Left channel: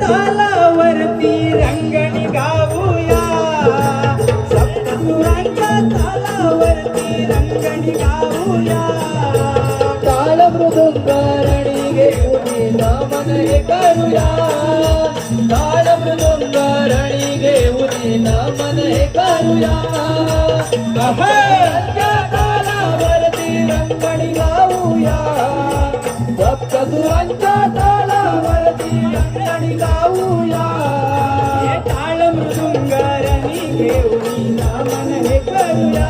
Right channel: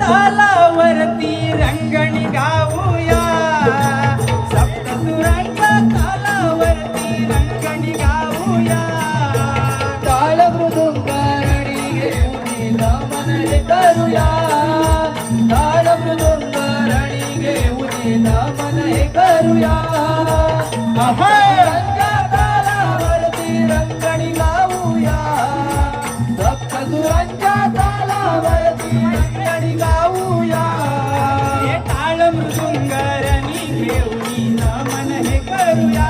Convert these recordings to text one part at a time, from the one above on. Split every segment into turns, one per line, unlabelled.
तालावरती रंगणी गाऊया. सप्तसुरांच्या तालावरती रंगणी गाऊया.
काल मृदुंगरणी गे पुरी नमन हे करूया. काल मृदुंगरणी गे पुरी नमन हे करूया तालावरती रंगणी गाऊया. सप्तसुरांच्या
घेऊनी नमन हे करूया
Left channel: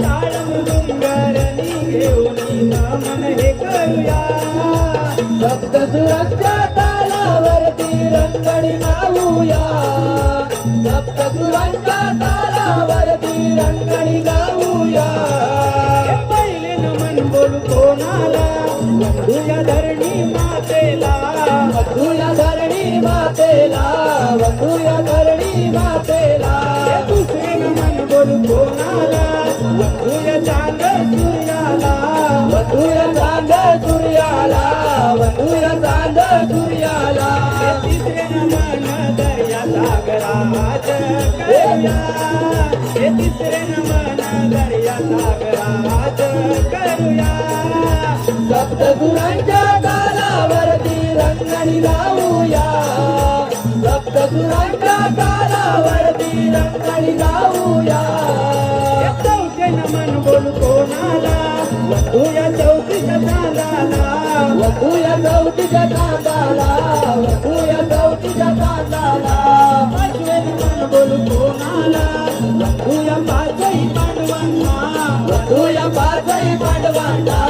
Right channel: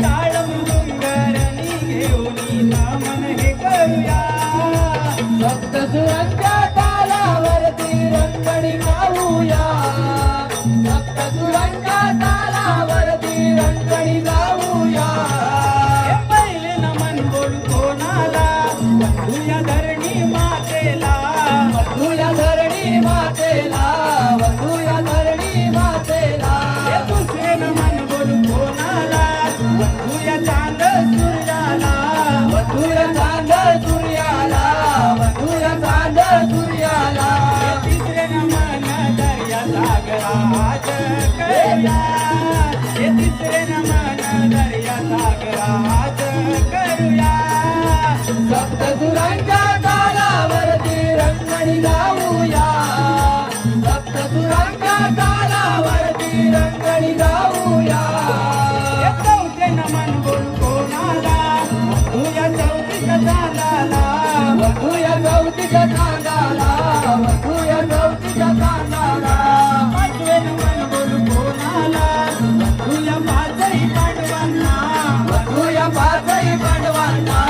टाळ मृदुंगरणी घेऊनी हे करूया
तालावरती रंगणी गाऊया सप्तसुरांच्या तालावरती
बोल कोणाला वंदूया चांद सूर्याला
वधूया चांद सूर्याला वधूया चांद सूर्याला
तिसरे नमन दर्या करूया तिसरे नमन दर्या करूया
तालावरती रंगणी गाऊया सप्तसुरांच्या तालावरती रंगणी गाऊया
हे नमन बोल कोणाला वंदूया चौथीच्या दादाला
वधूया चौथीच्या दादाला वधूया चौथीच्या दादाला
पाचवे नमन बोल कोणाला वंदूया पाचही पांडवांना
वधूया पाचही पांडवांना.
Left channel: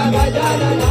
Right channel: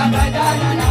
पार्वतीच्या